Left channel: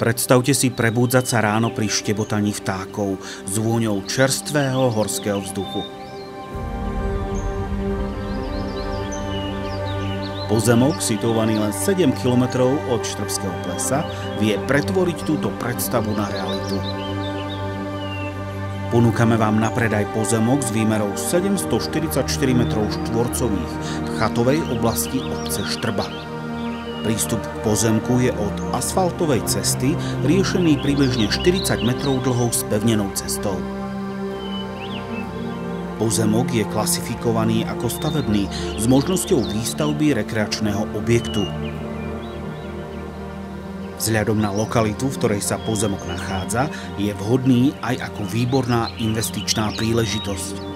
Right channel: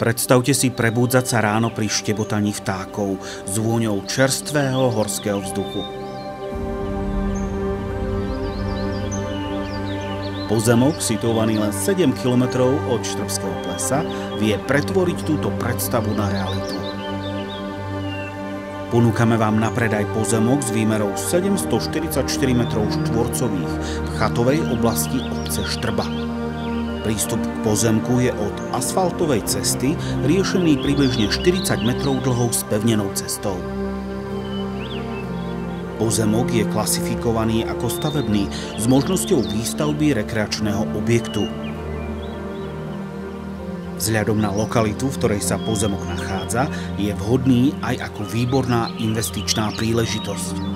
Predstavte si prebúdzať sa ráno pri štebotaní vtákov s vôňou čerstvého horského vzduchu. Pozemok, situovaný len 7 km od Štrbského plesa, vie pretvoriť túto predstavu na realitu. Ponúkame vám na predaj pozemok s výmerou 744 m2 v chatovej oblasti obce Štrba. Prístup k pozemku je od asfaltovej cesty riešený približne 40 metrov dlhou spevnenou cestou. Pozemok je klasifikovaný ako stavebný s možnosťou výstavby rekreačného objektu. Vzhľadom na lokalitu, v ktorej sa pozemok nachádza, je vhodný aj ako výborná investičná príležitosť.